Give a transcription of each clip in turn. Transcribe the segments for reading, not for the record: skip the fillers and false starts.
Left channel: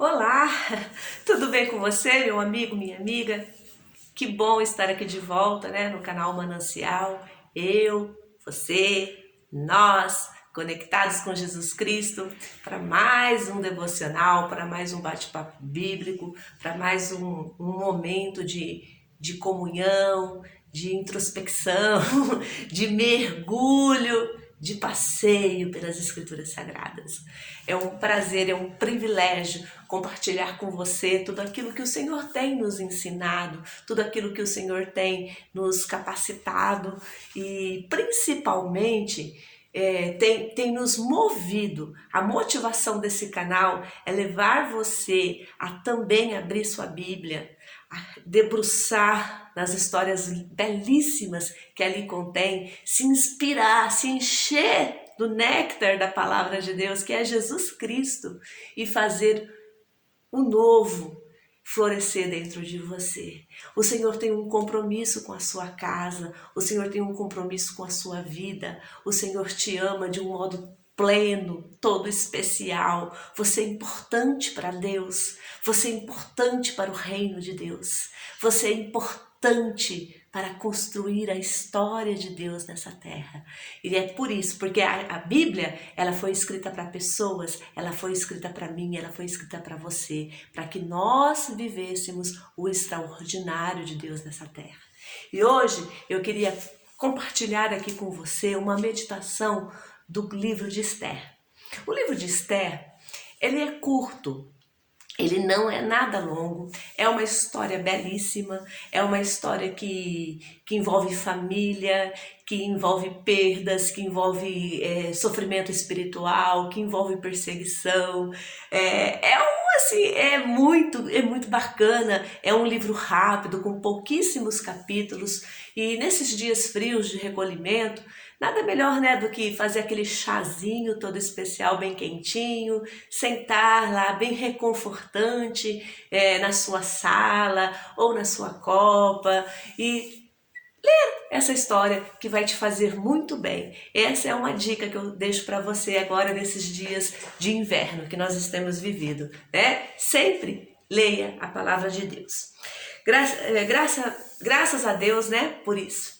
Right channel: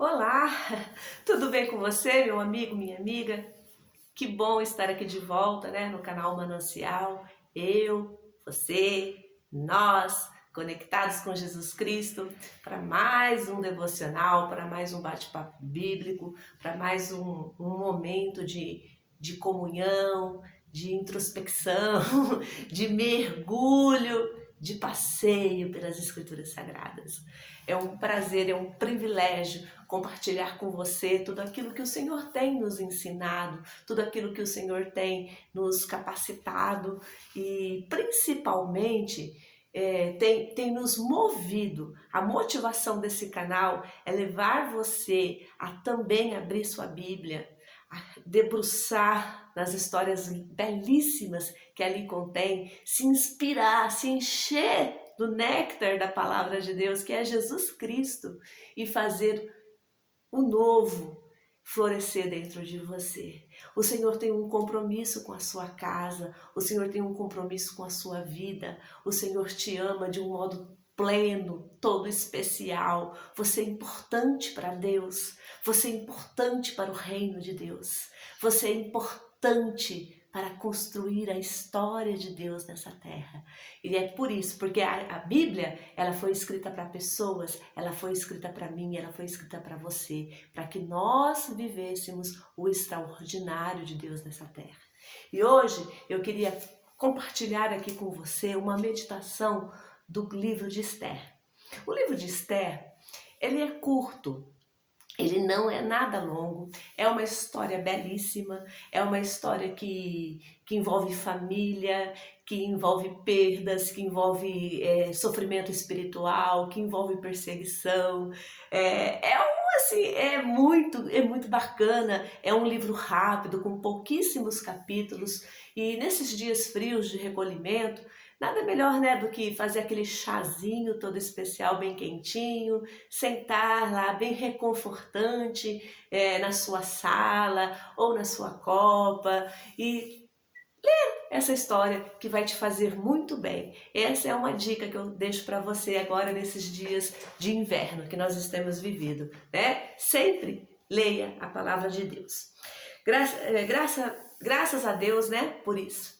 Olá, tudo bem com você, meu amigo, minha amiga? Que bom estar aqui de volta, né, no canal Manancial. Eu, você, nós, conectados com Jesus Cristo, para mais um devocional, para mais um bate-papo bíblico, para mais um momento de comunhão, de introspecção, de mergulho, de passeio pelas Escrituras Sagradas. É um prazer, é um privilégio compartilhar com você tudo aquilo que o Senhor tem nos ensinado, tudo aquilo que o Senhor tem nos capacitado e principalmente tem nos movido. A motivação desse canal é levar você a também abrir sua Bíblia, a debruçar nas histórias belíssimas que ali contém, se inspirar, se encher do néctar da palavra de Deus, que é Jesus Cristo, e fazer o novo florescer dentro de você. O Senhor tem um compromisso com a sua casa, o Senhor tem um compromisso com a sua vida, o Senhor te ama de um modo pleno, todo especial. Você é importante para Deus, você é importante para o reino de Deus, você é importante para construir a história de Deus nessa terra. E é por isso, porque a Bíblia, ela foi escrita para pessoas, ela foi escrita para mim, ela foi escrita para você, para que nós vivêssemos o extraordinário de Deus nessa terra. E hoje eu queria compartilhar aqui com você uma meditação do livro de Esther. O livro de Esther, ele é curto, ele não é nada longo, é uma história belíssima, é uma história que envolve família, que envolve perdas, que envolve sofrimento espiritual, que envolve perseguição. É muito bacana, é um livro rápido, com pouquíssimos capítulos, e nesses dias frios de recolhimento, nada melhor, né, do que fazer aquele chazinho todo especial, bem quentinho, sentar lá bem reconfortante na sua sala ou na sua copa e essa história que vai te fazer muito bem. Essa é uma dica que eu deixo para você agora nesses dias de inverno que nós estamos vivendo, né? Sempre leia a palavra de Deus. Graças a Deus, né, por isso.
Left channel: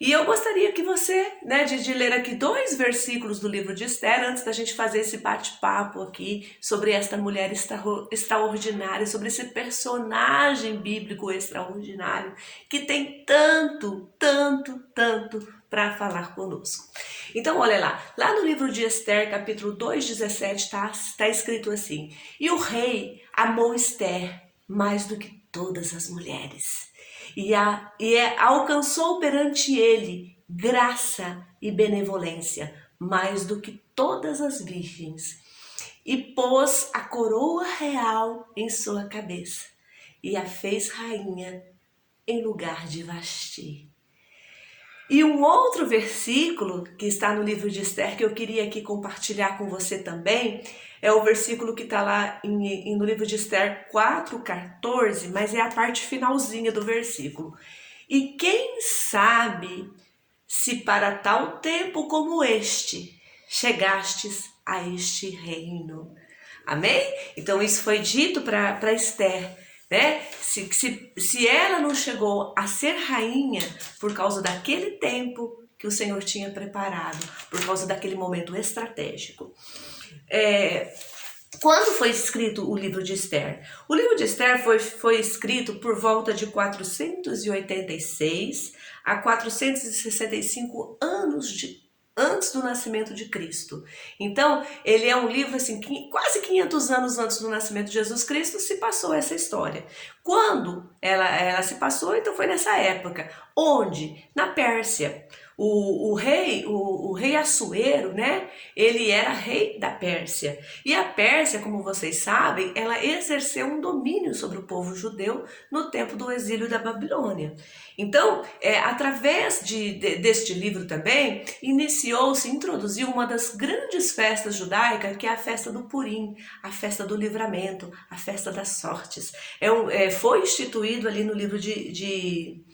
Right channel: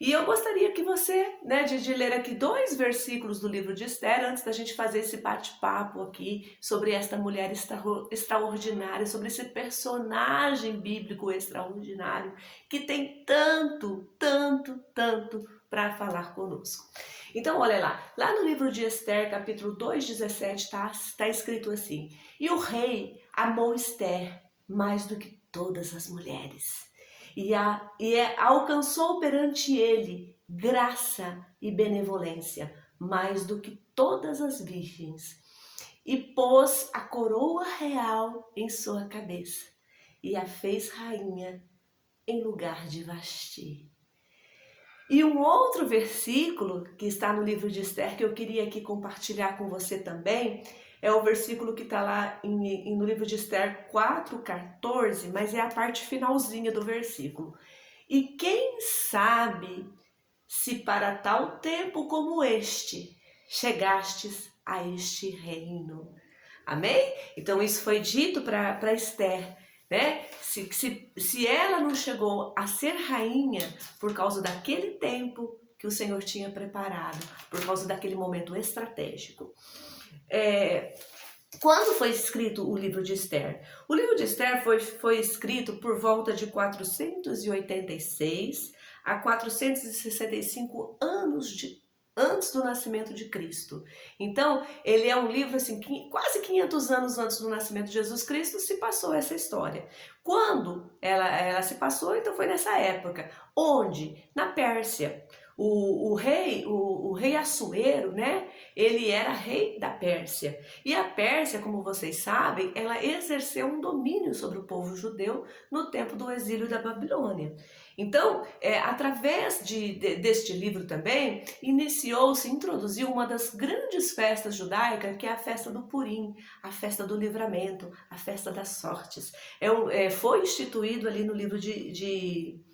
E eu gostaria que você, né, de ler aqui 2 versículos do livro de Esther, antes da gente fazer esse bate-papo aqui sobre esta mulher extraordinária, sobre esse personagem bíblico extraordinário, que tem tanto para falar conosco. Então, olha lá no livro de Esther, capítulo 2:17, tá escrito assim: E o rei amou Esther mais do que todas as mulheres alcançou perante ele graça e benevolência mais do que todas as virgens, e pôs a coroa real em sua cabeça e a fez rainha em lugar de Vasti. E um outro versículo que está no livro de Esther que eu queria aqui compartilhar com você também é o versículo que está lá no livro de Esther 4:14, mas é a parte finalzinha do versículo. E quem sabe se para tal tempo como este chegastes a este reino. Amém? Então isso foi dito para Esther, né? Se ela não chegou a ser rainha por causa daquele tempo que o Senhor tinha preparado, por causa daquele momento estratégico. Quando foi escrito o livro de Esther? O livro de Esther foi escrito por volta de 486 a 465 anos antes do nascimento de Cristo. Então, ele é um livro assim, quase 500 anos antes do nascimento de Jesus Cristo se passou essa história. Quando ela se passou, então foi nessa época. Onde? Na Pérsia. O rei Assuero, né? Ele era rei da Pérsia. E a Pérsia, como vocês sabem, ela exerceu um domínio sobre o povo judeu no tempo do exílio da Babilônia. Então, através deste livro também, introduziu uma das grandes festas judaicas, que é a festa do Purim, a festa do livramento, a festa das sortes. Foi instituído ali no livro de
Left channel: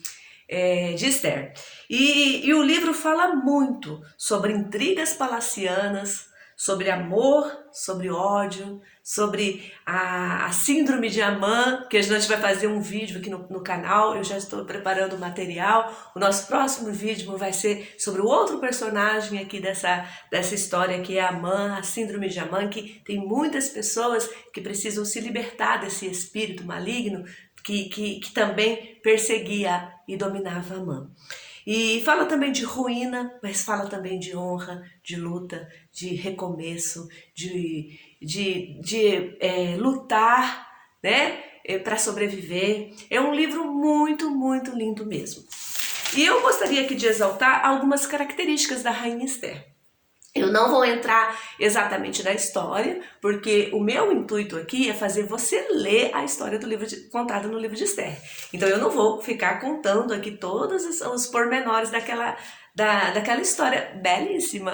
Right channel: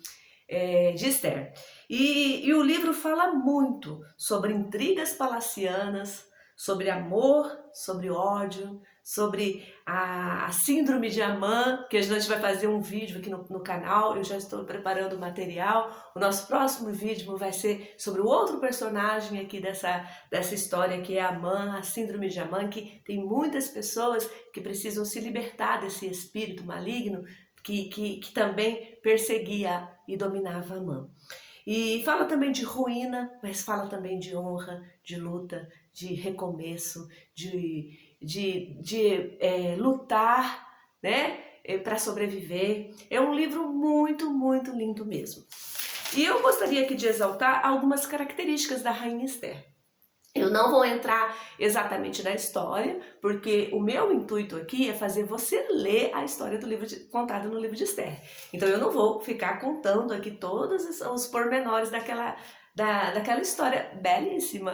Esther. E o livro fala muito sobre intrigas palacianas, sobre amor, sobre ódio, sobre a síndrome de Amã, que a gente vai fazer um vídeo aqui no canal, eu já estou preparando o material. O nosso próximo vídeo vai ser sobre o outro personagem aqui dessa história, que é Amã, a síndrome de Amã, que tem muitas pessoas que precisam se libertar desse espírito maligno que também perseguia e dominava Amã. E fala também de ruína, mas fala também de honra, de luta, de recomeço, de lutar, né, para sobreviver. É um livro muito, muito lindo mesmo. E eu gostaria aqui de exaltar algumas características da Rainha Esther. Eu não vou entrar exatamente na história, porque o meu intuito aqui é fazer você ler a história do livro contada no livro de Esther. Então eu não vou ficar contando aqui todos os pormenores daquela história belíssima,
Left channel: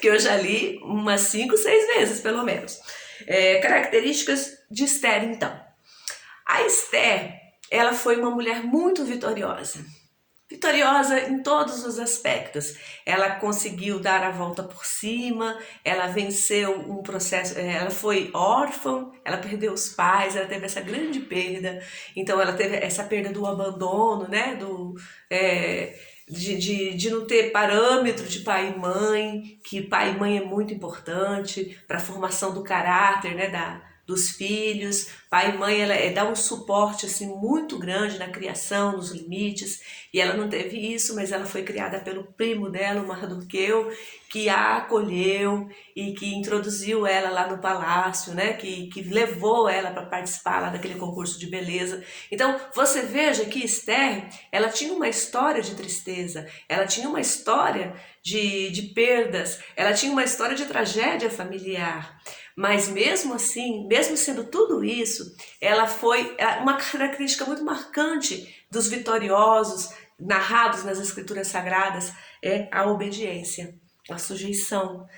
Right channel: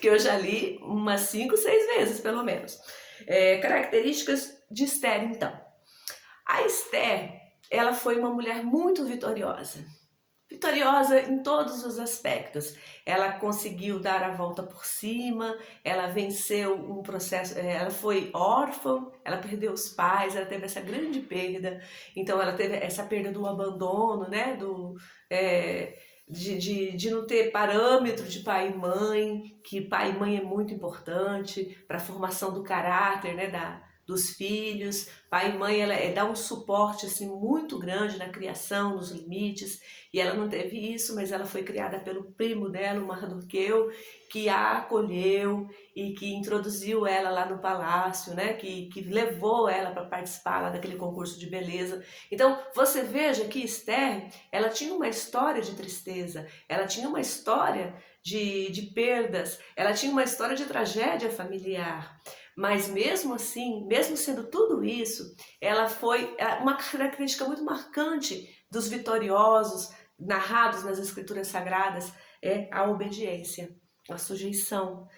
que eu já li umas 5, 6 vezes pelo menos. Características de Esther, então. A Esther, ela foi uma mulher muito vitoriosa. Vitoriosa em todos os aspectos. Ela conseguiu dar a volta por cima, ela venceu um processo, ela foi órfã, ela perdeu os pais, ela teve essa grande perda. Então ela teve essa perda do abandono, né, de não ter parâmetro de pai e mãe, que pai e mãe é muito importante para a formação do caráter, né, dos filhos. Pai e mãe dá um suporte assim, muito grande na criação, nos limites, e ela não teve isso, mas ela foi criada pelo primo dela, o Mardoqueu, que a acolheu e que introduziu ela lá no palácio, né? que levou ela para participar lá daquele concurso de beleza. Então você veja que Esther, ela tinha uma história de tristeza, ela tinha uma história de perdas, ela tinha uma história de tragédia familiar. Mas mesmo assim, mesmo sendo tudo isso, ela foi uma característica muito marcante dos vitoriosos, narrados nas escrituras sagradas, é a obediência, a sujeição,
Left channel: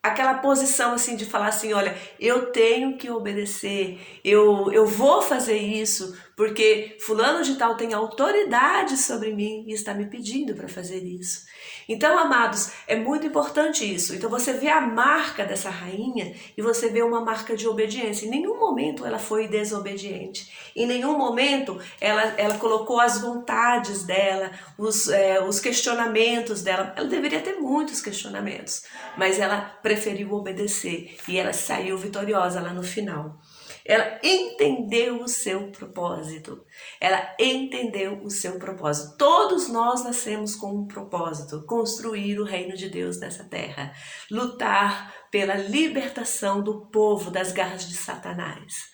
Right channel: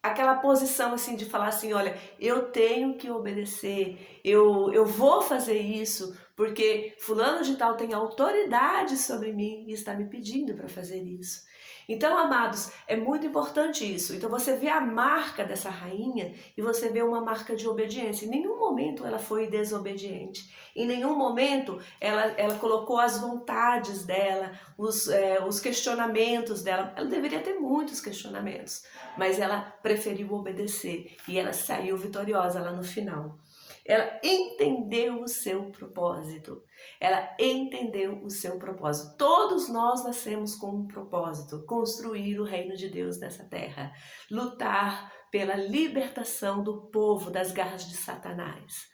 aquela posição assim de falar assim, olha, eu tenho que obedecer, eu vou fazer isso, porque fulano de tal tem autoridade sobre mim e está me pedindo para fazer isso. Então, amados, é muito importante isso. Então você vê a marca dessa rainha e você vê uma marca de obediência. Em nenhum momento ela foi desobediente. Em nenhum momento ela colocou as vontades dela, os questionamentos dela. Ela deveria ter muitos questionamentos, mas ela preferiu obedecer e ela saiu vitoriosa lá no final. Ela entendeu o seu propósito. Ela entendeu o seu propósito. Todos nós nascemos com um propósito: construir o reino de Deus nessa terra, lutar pela libertação do povo das garras de Satanás,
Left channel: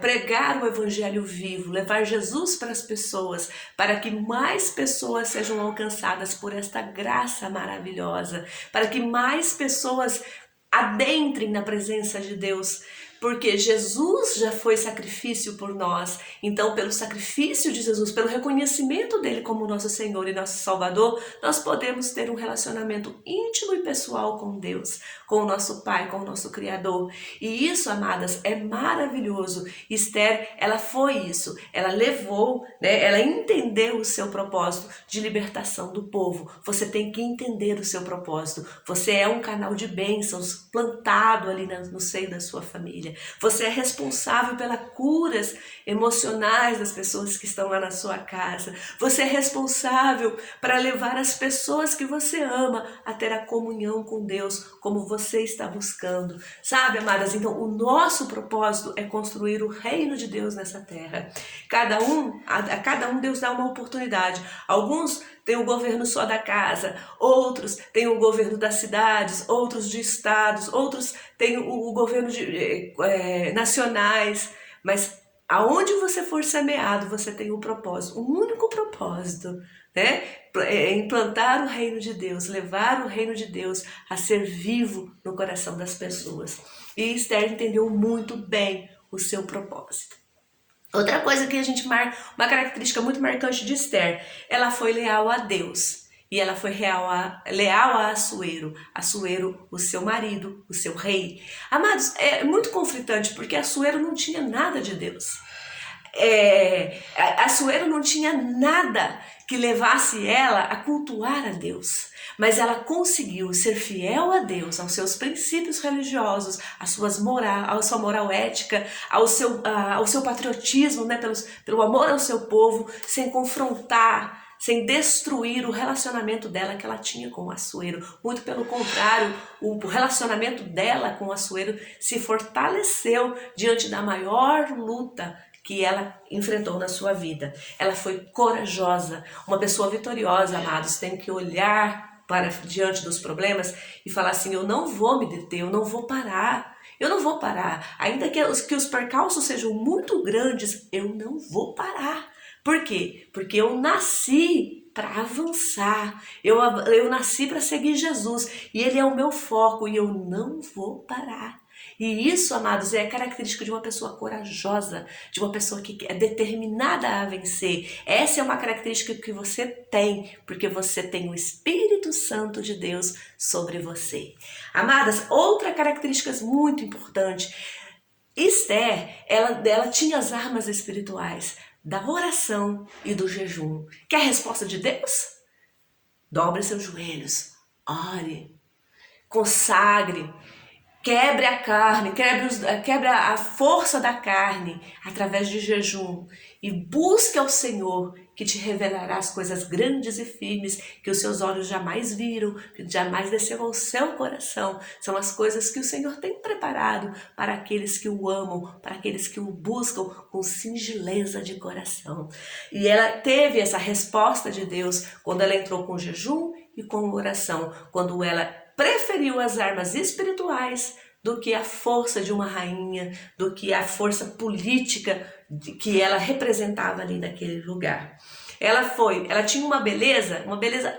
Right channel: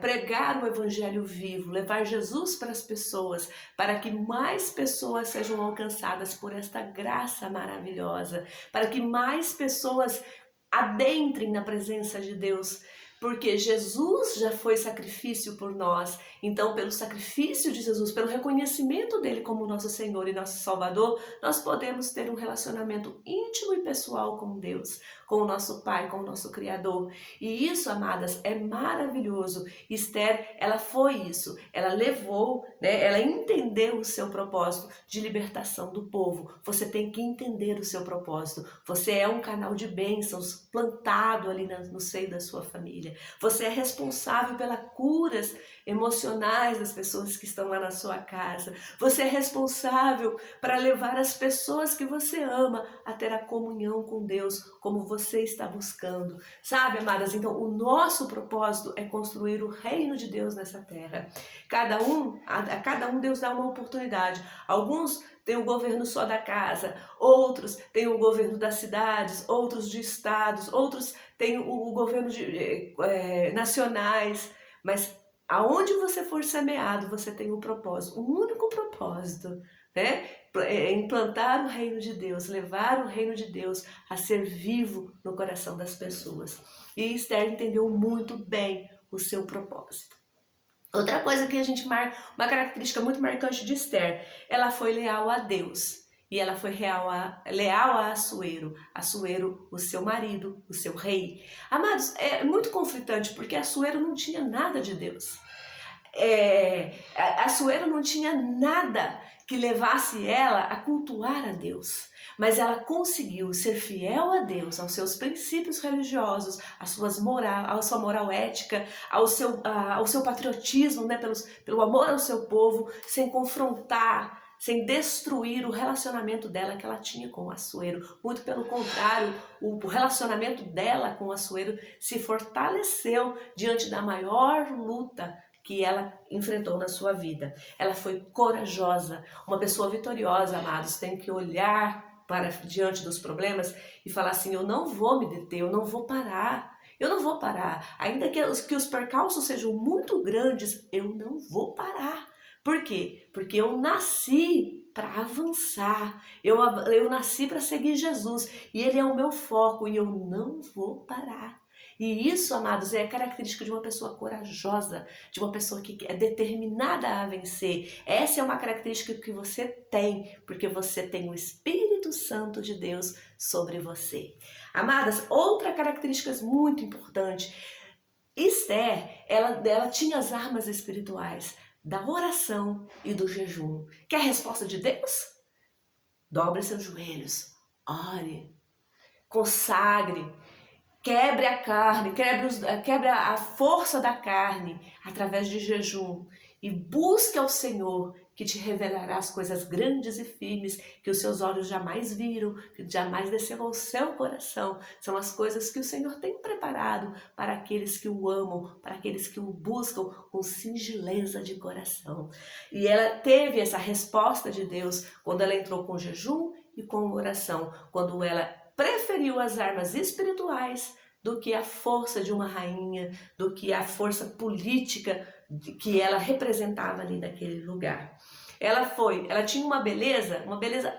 pregar o evangelho vivo, levar Jesus para as pessoas, para que mais pessoas sejam alcançadas por esta graça maravilhosa, para que mais pessoas adentrem na presença de Deus, porque Jesus já foi sacrifício por nós. Então, pelo sacrifício de Jesus, pelo reconhecimento dele como nosso Senhor e nosso Salvador, nós podemos ter um relacionamento íntimo e pessoal com Deus, com o nosso Pai, com o nosso Criador. E isso, amadas, é maravilhoso. Esther, ela foi isso. Ela levou, né? Ela entendeu o seu propósito de libertação do povo. Você tem que entender o seu propósito. Você é um canal de bênçãos plantado ali no seio da sua família. Você é responsável pelas curas emocionais das pessoas que estão lá na sua casa. Você é responsável para levar as pessoas que você ama a ter a comunhão com Deus, como você está buscando. Sabe, amadas? Então, o nosso propósito é construir o reino de Deus nessa terra. A cada um Deus dá uma oportunidade. Alguns tem o governo só da casa, outros têm o governo das cidades, outros de estados, outros têm o governo nacionais, mas aonde você for semeado, você tem um propósito, um único propósito, né? É implantar o reino de Deus, levar o reino de Deus a ser vivo no coração das pessoas. E Esther entendeu muito bem o seu propósito. Outra coisa que a gente marca, uma característica muito marcante de Esther, ela foi leal a Deus e ela foi leal a Assuero, o seu marido, o seu rei. Amados, é muito conflitante porque Assuero não tinha nada de Deus. Assuero não tinha nada que levasse ela a cultuar a Deus. mas ela conseguiu ser fiel a Deus, aos seus princípios religiosos, à sua moral ética, ao seu patriotismo, né, pelo amor ao seu povo, sem confrontar, sem destruir o relacionamento dela que ela tinha com o Assuero. Muito pelo contrário, o relacionamento dela com o Assuero se fortaleceu diante da maior luta que ela enfrentou na sua vida. Ela foi corajosa, uma pessoa vitoriosa, amados, tem que olhar para diante dos problemas e falar assim: eu não vou me deter, eu não vou parar. Eu não vou parar. Ainda que os percalços sejam muito grandes, eu não vou parar. Por quê? Porque eu nasci para avançar. Eu nasci para seguir Jesus. E Ele é o meu foco e eu não vou parar. E isso, amados, é a característica de uma pessoa corajosa, de uma pessoa que é determinada a vencer. Essa é uma característica que você tem, porque você tem o Espírito Santo de Deus sobre você. Amadas, outra característica muito importante. Esther, ela tinha as armas espirituais da oração e do jejum. Quer a resposta de Deus? Dobre seus joelhos, ore, consagre, quebre a carne, quebre a força da carne através de jejum e busque ao Senhor, que te revelará as coisas grandes e firmes que os seus olhos jamais viram, que jamais desceu ao seu coração. São as coisas que o Senhor tem preparado para aqueles que o amam, para aqueles que o buscam com singeleza de coração. E ela teve essa resposta de Deus quando ela entrou com jejum e com oração, quando ela preferiu as armas espirituais do que a força de uma rainha, do que a força política que ela representava ali naquele lugar. Ela tinha uma beleza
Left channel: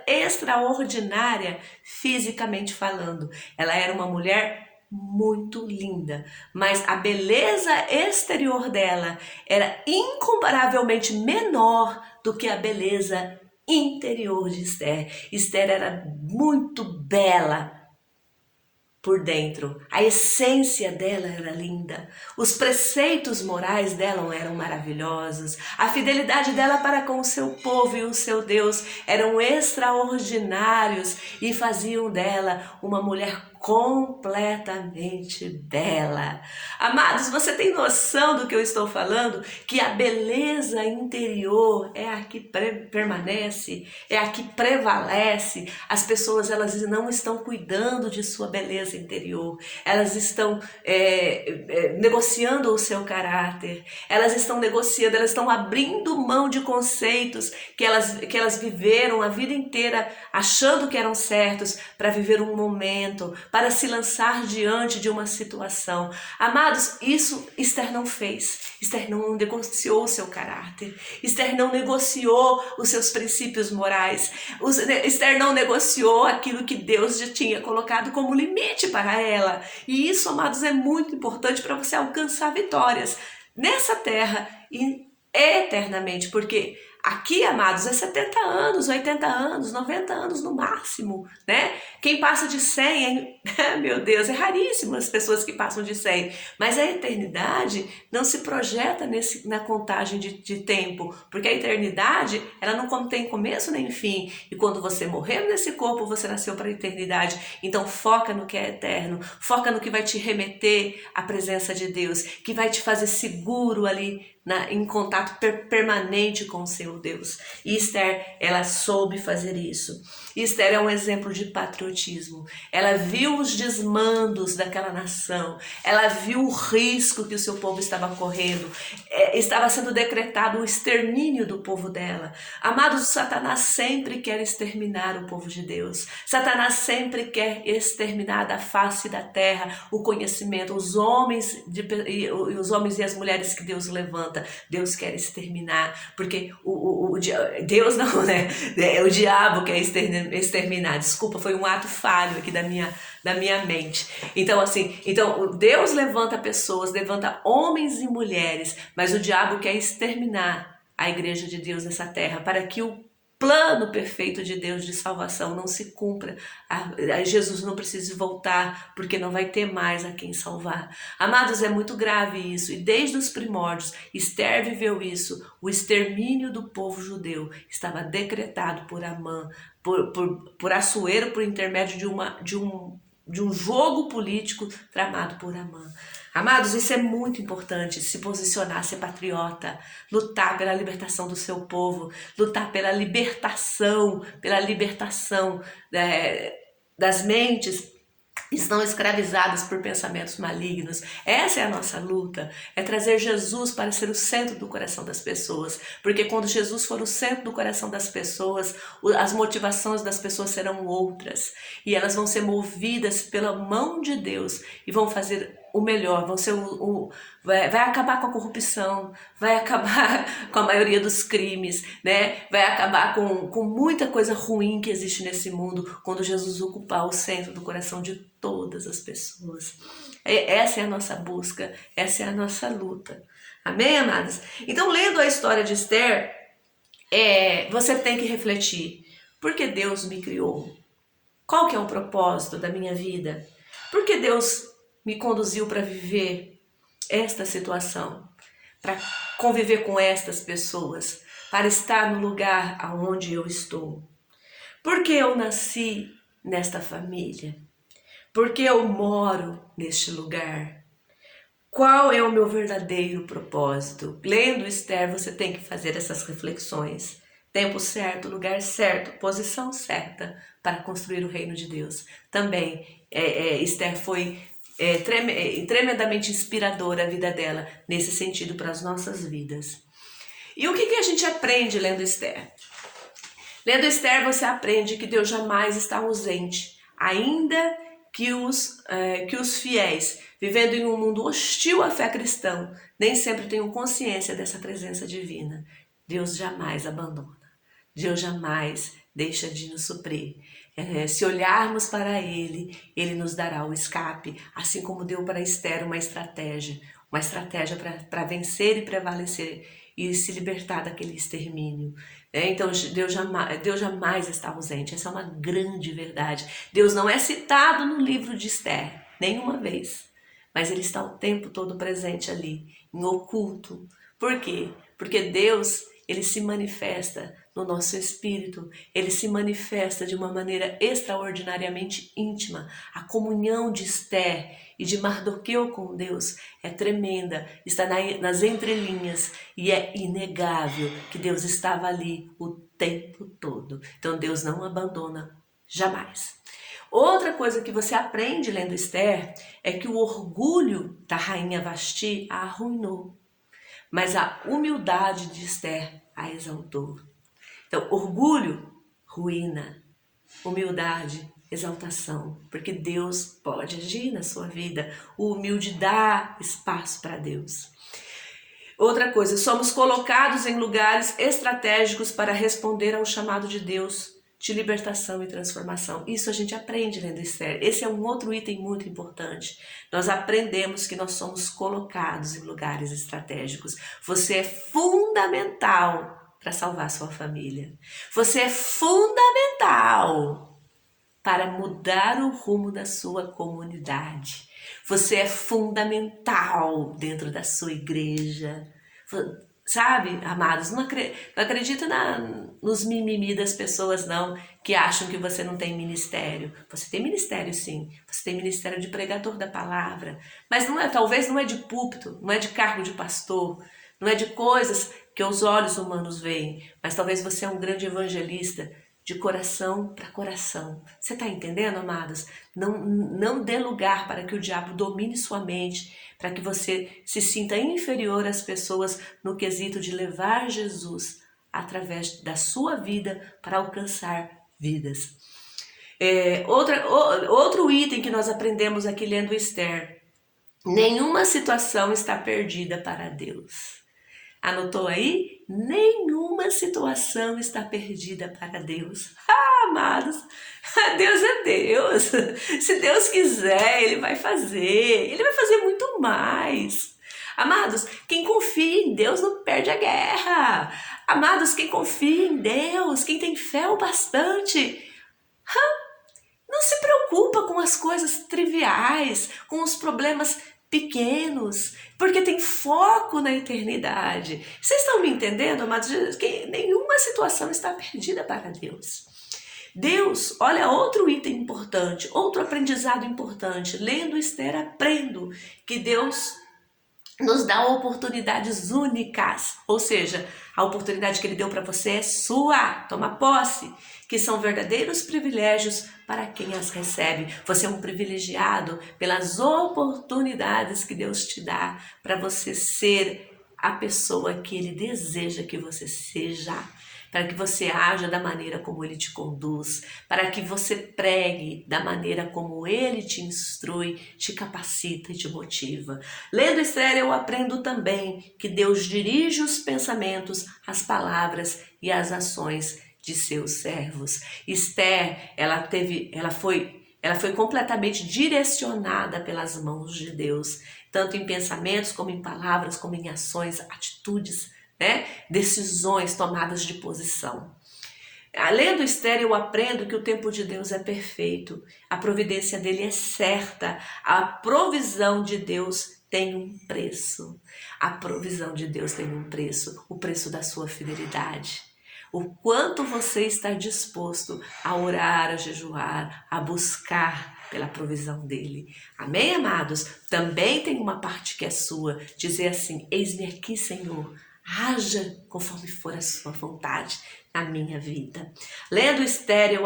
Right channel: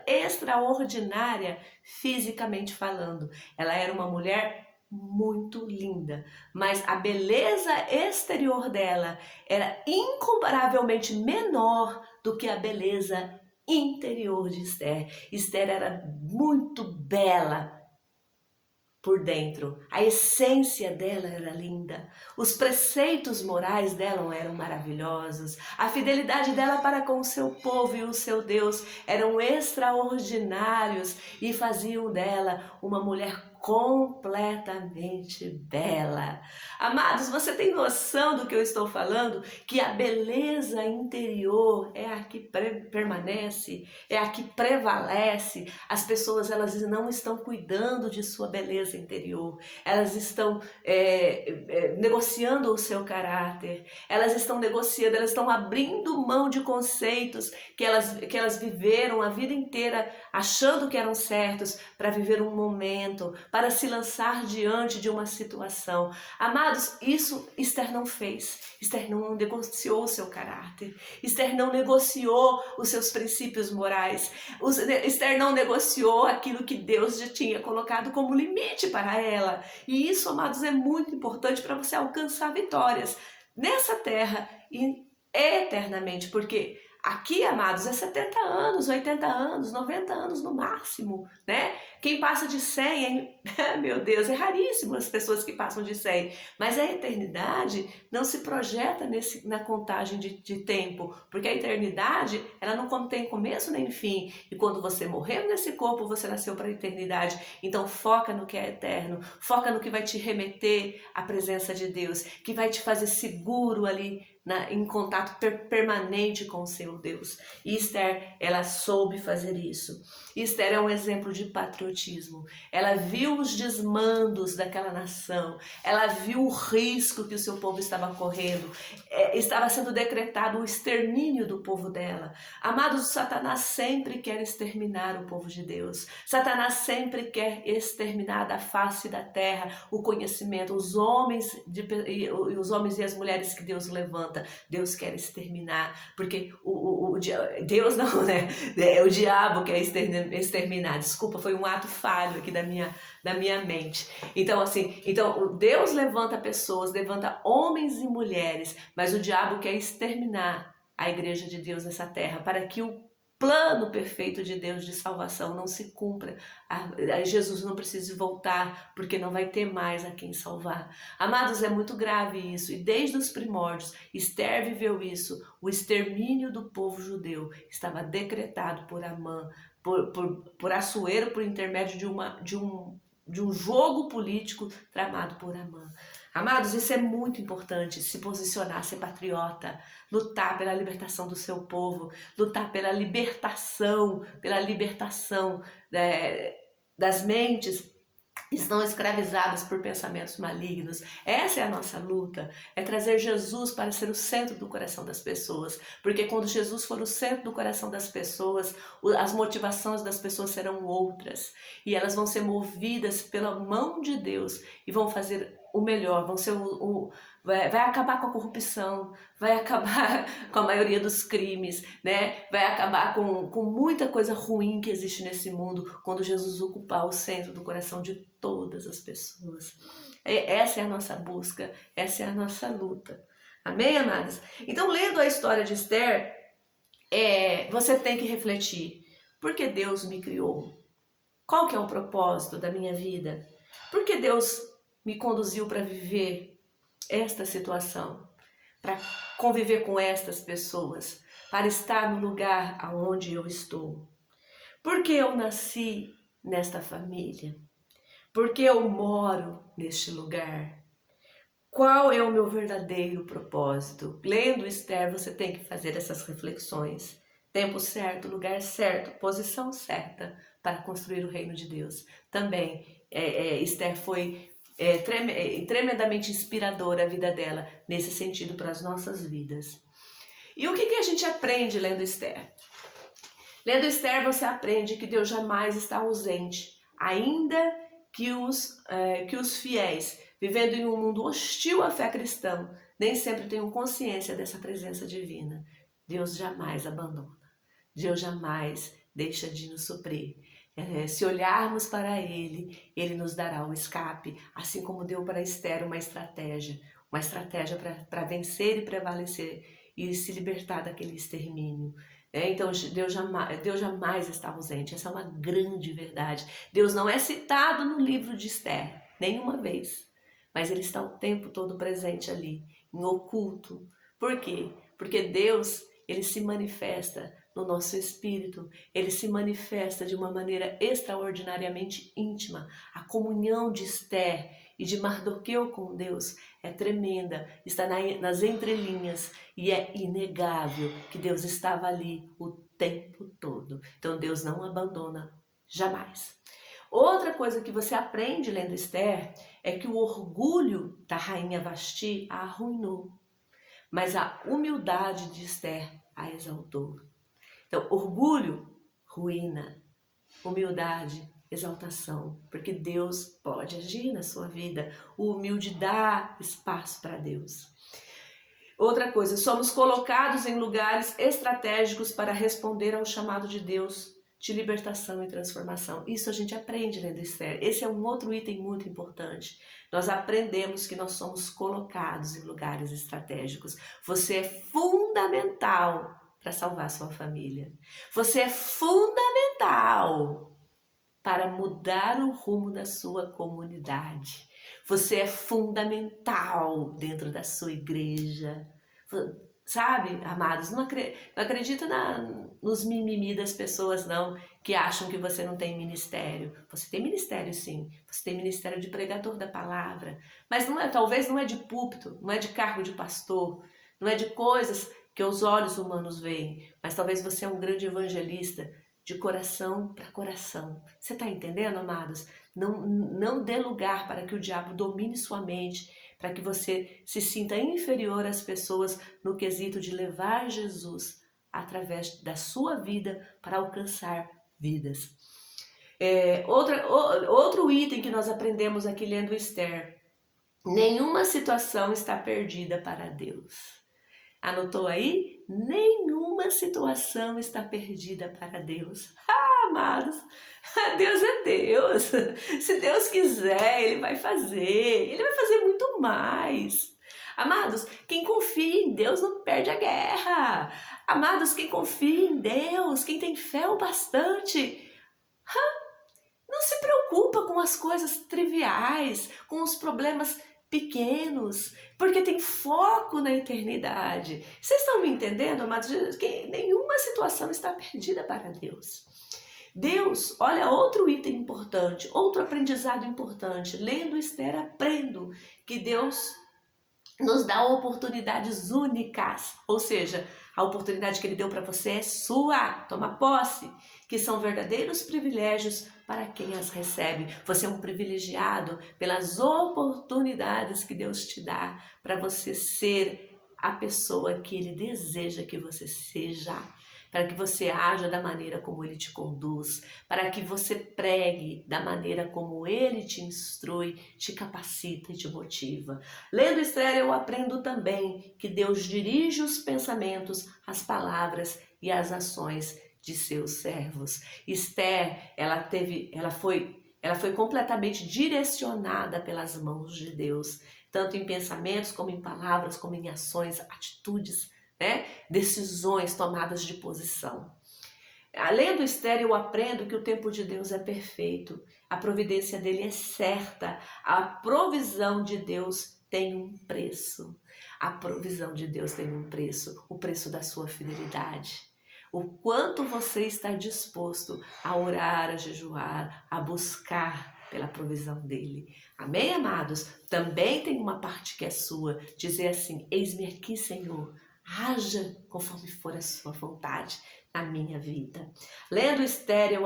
extraordinária fisicamente falando. Ela era uma mulher muito linda, mas a beleza exterior dela era incomparavelmente menor do que a beleza interior de Esther. Esther era muito bela por dentro, a essência dela era linda, os preceitos morais dela eram maravilhosos, a fidelidade dela para com o seu povo e o seu Deus eram extraordinários e faziam dela uma mulher completamente bela. Amados, você tem noção do que eu estou falando? Que a beleza interior é a que permanece, é a que prevalece. As pessoas, elas não estão cuidando de sua beleza interior, elas estão negociando o seu caráter, elas estão negociando, elas estão abrindo mão de conceitos que elas viveram a vida inteira achando que eram certos para viver um momento, para se lançar diante de uma situação. Amados, isso Esther não fez. Esther não negociou o seu caráter. Esther não negociou os seus princípios morais. Esther não negociou aquilo que Deus já tinha colocado como limite para ela. E isso, amados, é muito importante para você alcançar vitórias nessa terra e eternamente, porque aqui, amados, é 70 anos, 80 anos, 90 anos no máximo, né? Quem passa de 100, meu Deus, é raríssimo as pessoas que passam de 100. Mas a eternidade não se projeta na contagem de tempo, porque a eternidade, ela não tem começo nem fim. E quando você morrer nesse corpo, você nasceu para a eternidade. Então foca no que é eterno, foca no que vai te remeter à presença de Deus, que vai te fazer seguro ali, em contato permanente com o seu Deus. E Esther, ela soube fazer isso. Esther é um exemplo de patriotismo. Ela viu os desmandos daquela nação, ela viu o risco que o seu povo estava correndo, estava sendo decretado o extermínio do povo dela. Amados, Satanás sempre quer exterminar o povo de Deus. Satanás sempre quer exterminar da face da terra o conhecimento, os homens e as mulheres que Deus levanta. Deus quer exterminar, porque Deus não, né? É o diabo quer exterminar. Desculpa, foi um ato falho aqui da minha mente. Então, Deus levanta pessoas, levanta homens e mulheres, mas o diabo quer exterminar a igreja de Deus nessa terra, para que o plano perfeito de Deus de salvação não se cumpra. Jesus não precisa voltar, porque não vai ter mais a quem salvar. Amados, é muito grave isso, e desde os primórdios, Esther viveu isso. O extermínio do povo judeu estava decretado por Amã, por Assuero, por intermédio de um jogo político tramado por Amã. Amados, isso é muito importante, se posicionar, ser patriota, lutar pela libertação do seu povo, lutar pela libertação das mentes que estão escravizadas por pensamentos malignos. Essa é a nossa luta, é trazer Jesus para ser o centro do coração das pessoas, porque quando Jesus for o centro do coração das pessoas, as motivações das pessoas serão outras, e elas vão ser movidas pela mão de Deus, e vão fazer o melhor, vão ser vai acabar com a corrupção, vai acabar com a maioria dos crimes, né? Vai acabar com muita coisa ruim que existe nesse mundo quando Jesus ocupar o centro do coração de todas as pessoas. Essa é a nossa busca, essa é a nossa luta. Amém, amados? Então, lendo a história de Esther, você tem que refletir: por que Deus me criou? Qual que é o propósito da minha vida? Por que Deus me conduziu para viver esta situação, para conviver com estas pessoas, para estar no lugar aonde eu estou? Por que eu nasci nesta família? Por que eu moro neste lugar? Qual é o meu verdadeiro propósito? Lendo Esther, você tem que fazer essas reflexões. Tempo certo, lugar certo, posição certa para construir o reino de Deus. Também, Esther foi tremendamente inspiradora a vida dela nesse sentido para as nossas vidas. E o que a gente aprende lendo Esther? Lendo Esther, você aprende que Deus jamais está ausente, ainda que os fiéis, vivendo em um mundo hostil à fé cristã, nem sempre tenham consciência dessa presença divina. Deus jamais abandona, Deus jamais deixa de nos suprir. Se olharmos para Ele, Ele nos dará o escape, assim como deu para Esther uma estratégia para vencer e prevalecer e se libertar daquele extermínio. Então Deus jamais está ausente, essa é uma grande verdade. Deus não é citado no livro de Esther, nenhuma vez, mas Ele está o tempo todo presente ali, em oculto. Por quê? Porque Deus, Ele se manifesta no nosso espírito, Ele se manifesta de uma maneira extraordinariamente íntima. A comunhão de Esther e de Mardoqueu com Deus é tremenda, está nas entrelinhas, e é inegável que Deus estava ali o tempo todo. Então Deus não abandona jamais. Outra coisa que você aprende lendo Esther é que o orgulho da rainha Vasti a arruinou, mas a humildade de Esther a exaltou. Então, orgulho, ruína. Humildade, exaltação. Porque Deus pode agir na sua vida. O humilde dá espaço para Deus. Outra coisa, somos colocados em lugares estratégicos para responder ao chamado de Deus de libertação e transformação. Isso a gente aprende lendo Esther. Esse é um outro item muito importante. Nós aprendemos que nós somos colocados em lugares estratégicos. Você é fundamental para salvar sua família. Você é fundamental para mudar o rumo da sua comunidade. Você é fundamental dentro da sua igreja. Sabe, amados, não acredita nos mimimi das pessoas, não, que acham que você não tem ministério. Você tem ministério, sim. Você tem ministério de pregador da palavra. Mas talvez não é de púlpito, não é de cargo de pastor, não é de coisas que os olhos humanos veem, mas talvez você é um grande evangelista de coração para coração. Você está entendendo, amados? Não dê lugar para que o diabo domine sua mente, para que você se sinta inferior às pessoas no quesito de levar Jesus através da sua vida para alcançar vidas. Outro item que nós aprendemos aqui lendo Esther: nenhuma situação está perdida para Deus. Anotou aí? Nenhuma situação está perdida para Deus. Amados, Deus é Deus. Se Deus quiser, Ele vai fazer. Ele vai fazer muito mais. Amados, quem confia em Deus não perde a guerra. Amados, quem confia em Deus, quem tem fé o bastante, não se preocupa com as coisas triviais, com os problemas pequenos, porque tem foco na eternidade. Vocês estão me entendendo, amados? Que nenhuma situação está perdida para Deus. Deus, olha outro item importante, outro aprendizado importante. Lendo Esther, aprendo que Deus nos dá oportunidades únicas, ou seja, a oportunidade que Ele deu para você é sua, toma posse, que são verdadeiros privilégios para quem as recebe. Você é um privilegiado pelas oportunidades que Deus te dá para você ser a pessoa que Ele deseja que você seja, para que você haja da maneira como Ele te conduz, para que você pregue da maneira como Ele te instrui, te capacita e te motiva. Lendo Esther, eu aprendo também que Deus dirige os pensamentos, as palavras e as ações de seus servos. Esther, ela foi completamente direcionada pelas mãos de Deus, tanto em pensamentos como em palavras, como em ações, atitudes, né? Decisões, tomadas de posição. Lendo Esther, eu aprendo que o tempo de Deus é perfeito, a providência dele é certa, a provisão de Deus tem um preço. A provisão de Deus tem um preço, o preço da sua fidelidade. O quanto você está disposto a orar, a jejuar, a buscar pela provisão dele. Amém, amados? Também tem uma parte que é sua, dizer assim: eis-me aqui, Senhor, haja conforme for a sua vontade na minha vida. Lendo Esther,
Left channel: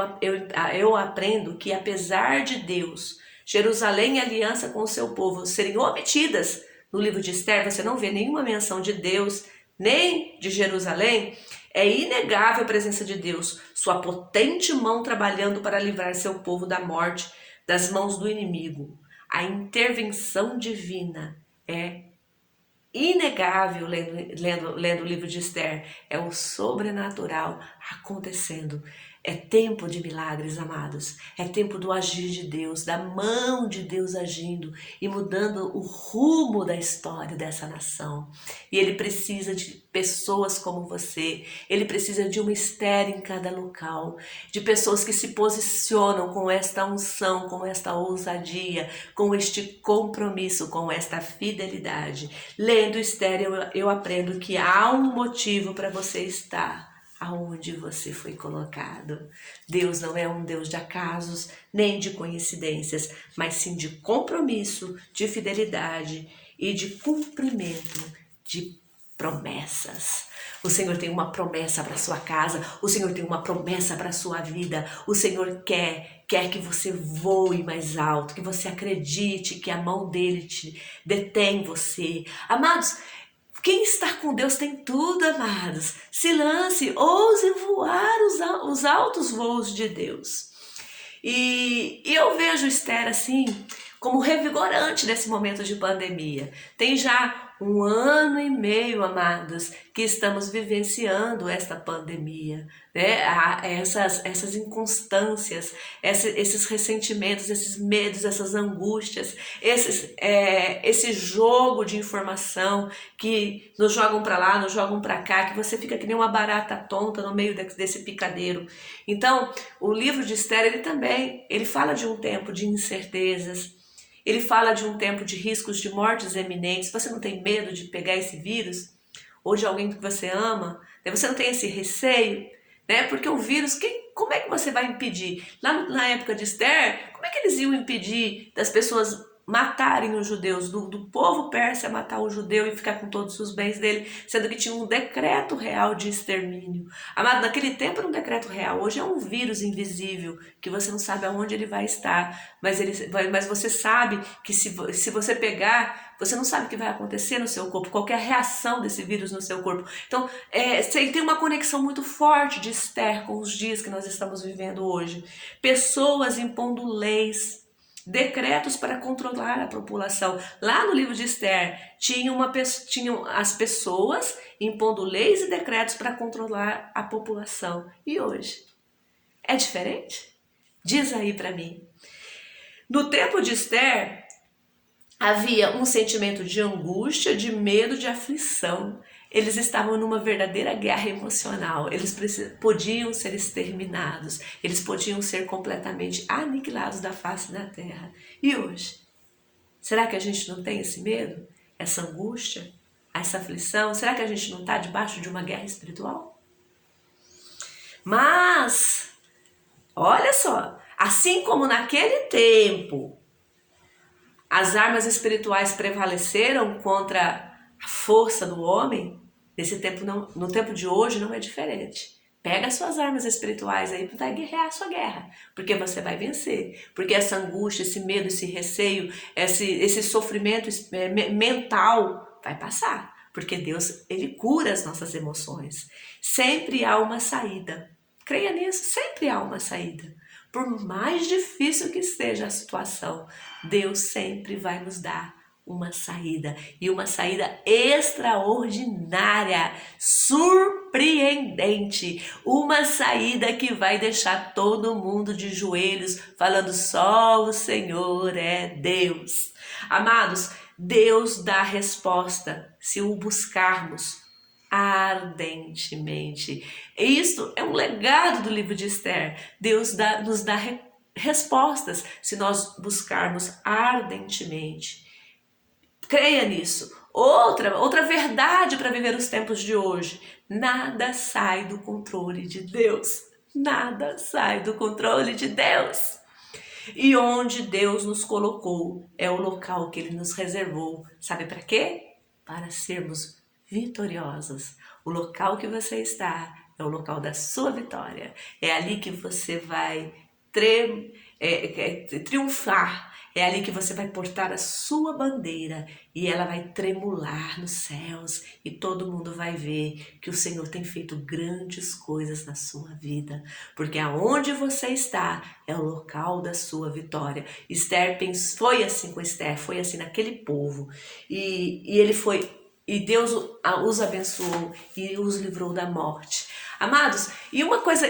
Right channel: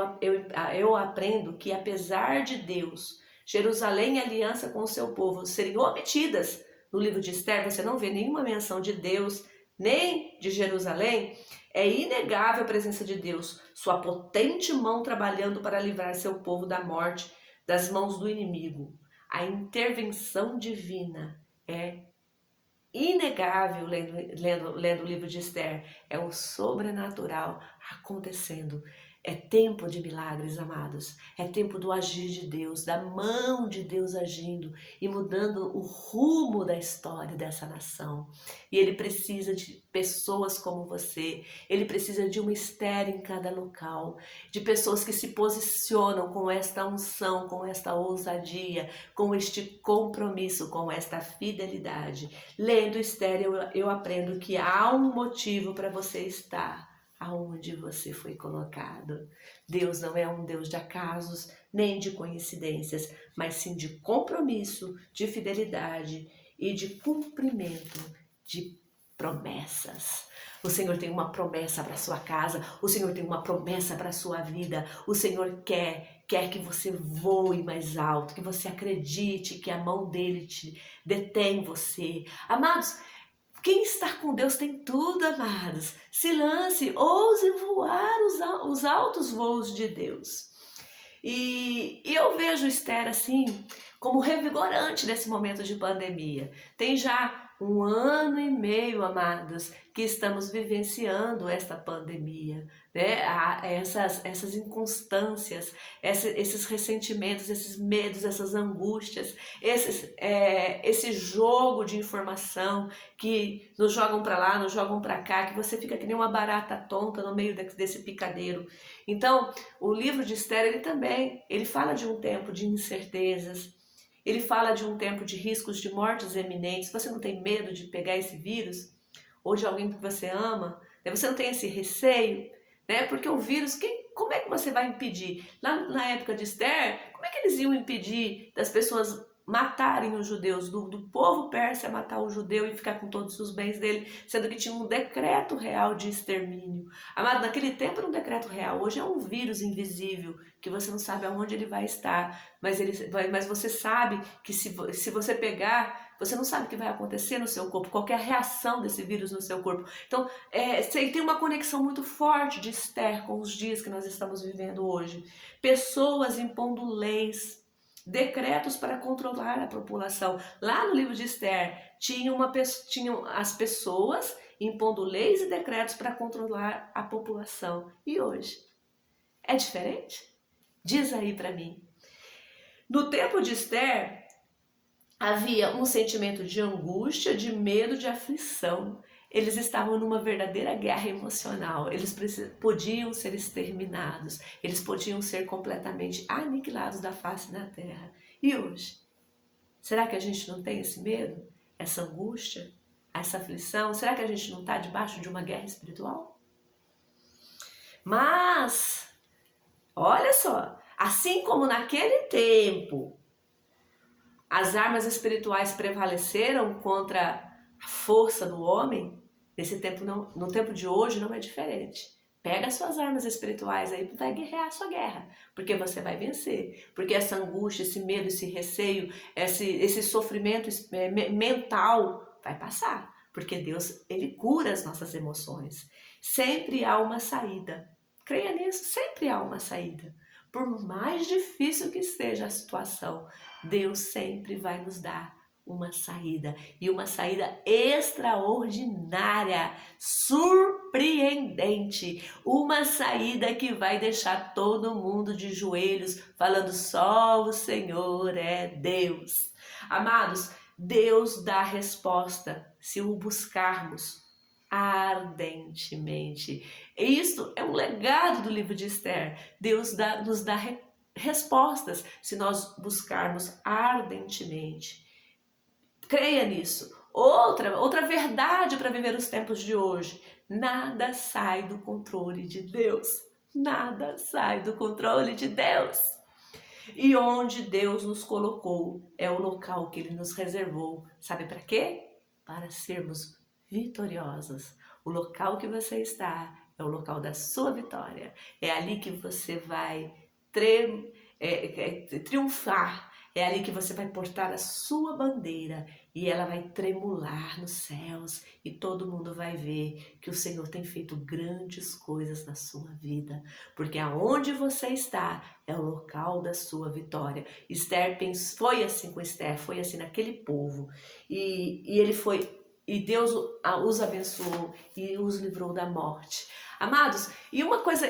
eu aprendo que apesar de Deus, Jerusalém e aliança com o seu povo serem omitidas no livro de Esther, você não vê nenhuma menção de Deus, nem de Jerusalém. É inegável a presença de Deus, sua potente mão trabalhando para livrar seu povo da morte, das mãos do inimigo. A intervenção divina é inegável lendo o livro de Esther. É o sobrenatural acontecendo. É tempo de milagres, amados. É tempo do agir de Deus, da mão de Deus agindo e mudando o rumo da história dessa nação. E Ele precisa de pessoas como você. Ele precisa de uma Esther em cada local, de pessoas que se posicionam com esta unção, com esta ousadia, com este compromisso, com esta fidelidade. Lendo Esther, eu aprendo que há um motivo para você estar aonde você foi colocado. Deus não é um Deus de acasos, nem de coincidências, mas sim de compromisso, de fidelidade e de cumprimento de promessas. O Senhor tem uma promessa para sua casa, o Senhor tem uma promessa para sua vida. O Senhor quer que você voe mais alto, que você acredite que a mão dele te detém você. Amados, quem está com Deus tem tudo, amados. Se lance, ouse voar os altos voos de Deus. E eu vejo Esther assim, como revigorante nesse momento de pandemia. Tem já 1 ano e meio, amados, que estamos vivenciando esta pandemia, né? Essas inconstâncias, esses ressentimentos, esses medos, essas angústias, esse jogo de informação que nos jogam para lá, nos jogam para cá, que você fica que nem uma barata tonta no meio desse picadeiro. Então, o livro de Esther, ele fala de um tempo de incertezas, ele fala de um tempo de riscos de mortes eminentes. Você não tem medo de pegar esse vírus? Ou de alguém que você ama? Você não tem esse receio? Né? Porque o vírus, como é que você vai impedir? Lá na época de Esther, como é que eles iam impedir das pessoas matarem os judeus, do povo persa matar o judeu e ficar com todos os bens dele, sendo que tinha um decreto real de extermínio. Amado, naquele tempo era um decreto real, hoje é um vírus invisível, que você não sabe aonde ele vai estar, mas você sabe que se você pegar, você não sabe o que vai acontecer no seu corpo, qualquer reação desse vírus no seu corpo. Então, tem uma conexão muito forte de Esther com os dias que nós estamos vivendo hoje. Pessoas impondo leis, decretos para controlar a população. Lá no livro de Esther, tinham as pessoas impondo leis e decretos para controlar a população. E hoje? É diferente? Diz aí para mim. No tempo de Esther, havia um sentimento de angústia, de medo, de aflição. Eles estavam numa verdadeira guerra emocional. Eles podiam ser exterminados. Eles podiam ser completamente aniquilados da face da terra. E hoje? Será que a gente não tem esse medo? Essa angústia? Essa aflição? Será que a gente não está debaixo de uma guerra espiritual? Mas Olha só, assim como naquele tempo as armas espirituais prevaleceram contra a força do homem, nesse tempo não, no tempo de hoje não é diferente. Pega as suas armas espirituais aí para guerrear a sua guerra, porque você vai vencer. Porque essa angústia, esse medo, esse receio, esse sofrimento mental vai passar. Porque Deus, Ele cura as nossas emoções. Sempre há uma saída. Creia nisso, sempre há uma saída. Por mais difícil que esteja a situação, Deus sempre vai nos dar uma saída, e uma saída extraordinária, surpreendente, uma saída que vai deixar todo mundo de joelhos, falando só o Senhor é Deus. Amados, Deus dá resposta se o buscarmos ardentemente. Isto é um legado do livro de Esther. Deus nos dá respostas se nós buscarmos ardentemente. Creia nisso. Outra verdade para viver os tempos de hoje: nada sai do controle de Deus. Nada sai do controle de Deus. E onde Deus nos colocou é o local que Ele nos reservou. Sabe para quê? Para sermos vitoriosos. O local que você está é o local da sua vitória. É ali que você vai triunfar. É ali que você vai portar a sua bandeira e ela vai tremular nos céus e todo mundo vai ver que o Senhor tem feito grandes coisas na sua vida, porque aonde você está é o local da sua vitória. Esther foi assim com Esther, foi assim naquele povo e ele foi. E Deus os abençoou e os livrou da morte. Amados, e uma coisa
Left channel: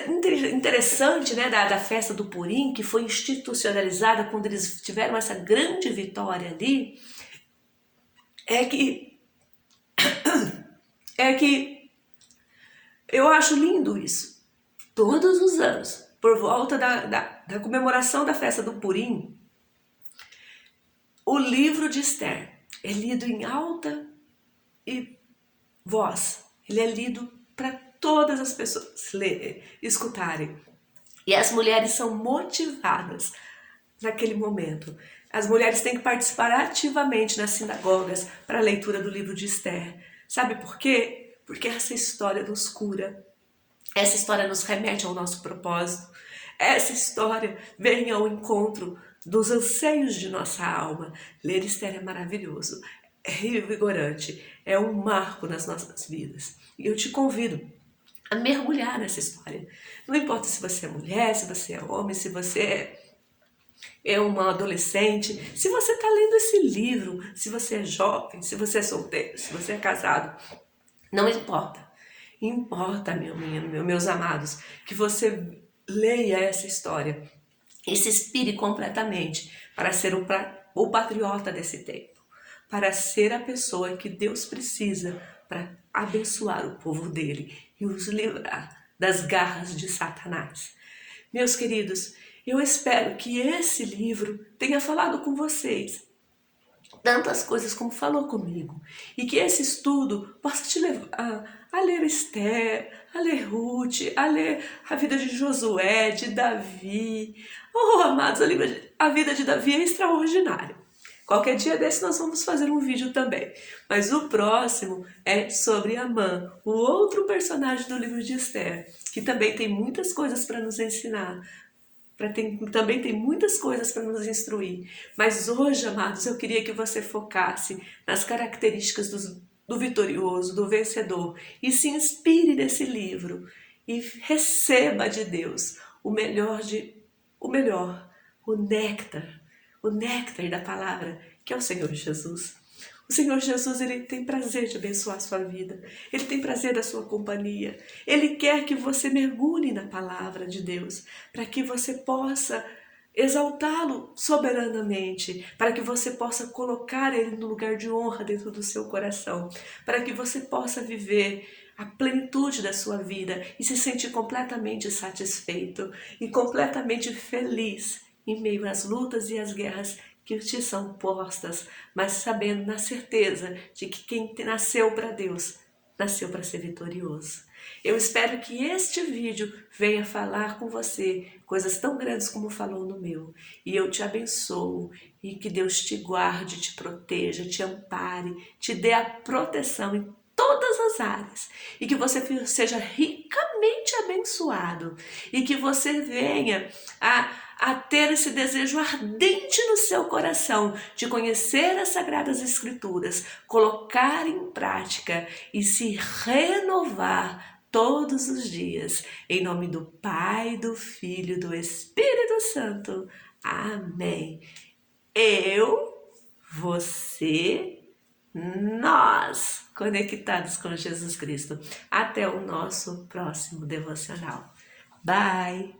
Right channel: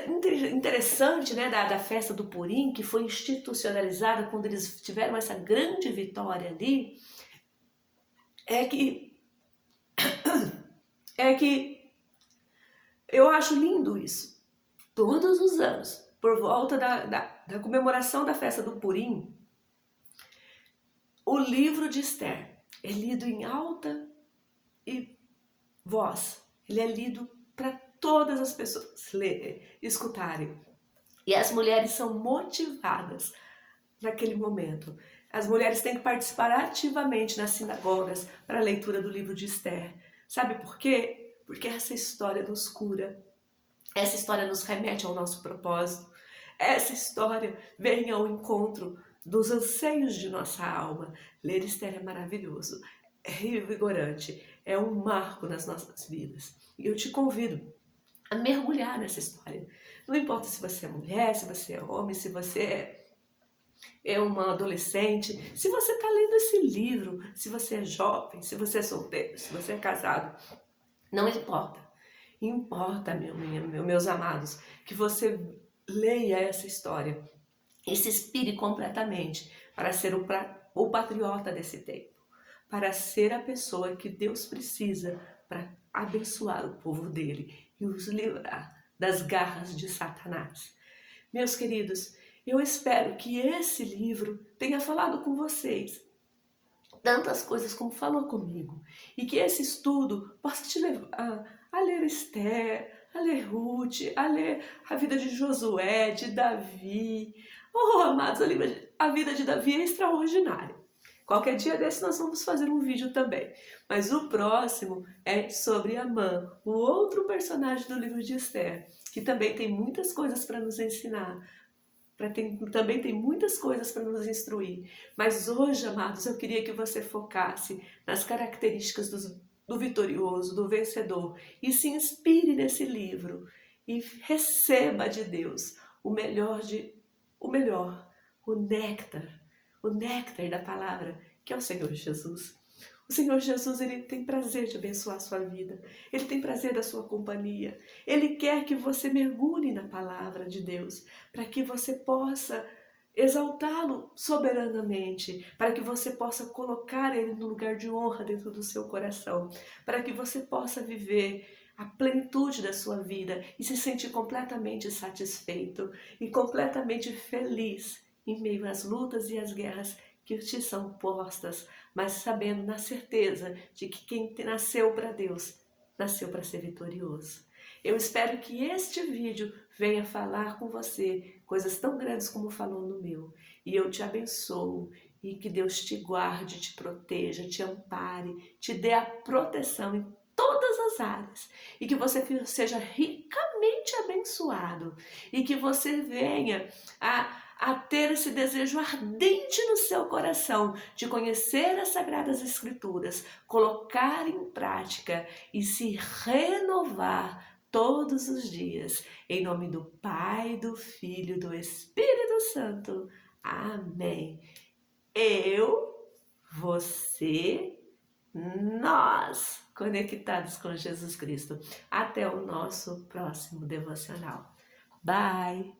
interessante, né, da festa do Purim, que foi institucionalizada quando eles tiveram essa grande vitória ali, é que eu acho lindo isso. Todos os anos, por volta da comemoração da festa do Purim, o livro de Esther é lido em alta voz. Ele é lido para todas as pessoas escutarem. E as mulheres são motivadas naquele momento. As mulheres têm que participar ativamente nas sinagogas para a leitura do livro de Esther. Sabe por quê? Porque essa história nos cura. Essa história nos remete ao nosso propósito. Essa história vem ao encontro dos anseios de nossa alma. Ler Esther é maravilhoso, é revigorante, é um marco nas nossas vidas. E eu te convido a mergulhar nessa história. Não importa se você é mulher, se você é homem, se você é uma adolescente, se você está lendo esse livro, se você é jovem, se você é solteiro, se você é casado, não importa. Importa, meus amados, que você leia essa história e se inspire completamente para ser o patriota desse tempo, para ser a pessoa que Deus precisa para abençoar o povo dele e os livrar das garras de Satanás. Meus queridos, eu espero que esse livro tenha falado com vocês tantas coisas como falou comigo, e que esse estudo possa te levar a ler Esther, a ler Ruth, a ler a vida de Josué, de Davi. Oh, amados, a vida de Davi é extraordinária. Qualquer dia desse nós vamos fazer um vídeo também. Mas o próximo é sobre Amã, o outro personagem do livro de Esther, que também tem muitas coisas para nos ensinar. Também tem muitas coisas para nos instruir. Mas hoje, amados, eu queria que você focasse nas características do vitorioso, do vencedor, e se inspire nesse livro e receba de Deus o néctar da palavra, que é o Senhor Jesus. O Senhor Jesus, Ele tem prazer de abençoar a sua vida. Ele tem prazer da sua companhia. Ele quer que você mergulhe na palavra de Deus, para que você possa exaltá-lo soberanamente, para que você possa colocar Ele no lugar de honra dentro do seu coração, para que você possa viver a plenitude da sua vida e se sentir completamente satisfeito e completamente feliz em meio às lutas e às guerras que te são postas, mas sabendo na certeza de que quem nasceu para Deus, nasceu para ser vitorioso. Eu espero que este vídeo venha falar com você coisas tão grandes como falou no meu. E eu te abençoo e que Deus te guarde, te proteja, te ampare, te dê a proteção em todas as áreas. E que você seja ricamente abençoado. E que você venha a ter esse desejo ardente no seu coração de conhecer as Sagradas Escrituras, colocar em prática e se renovar todos os dias. Em nome do Pai, do Filho e do Espírito Santo. Amém. Eu, você, nós, conectados com Jesus Cristo. Até o nosso próximo devocional. Bye!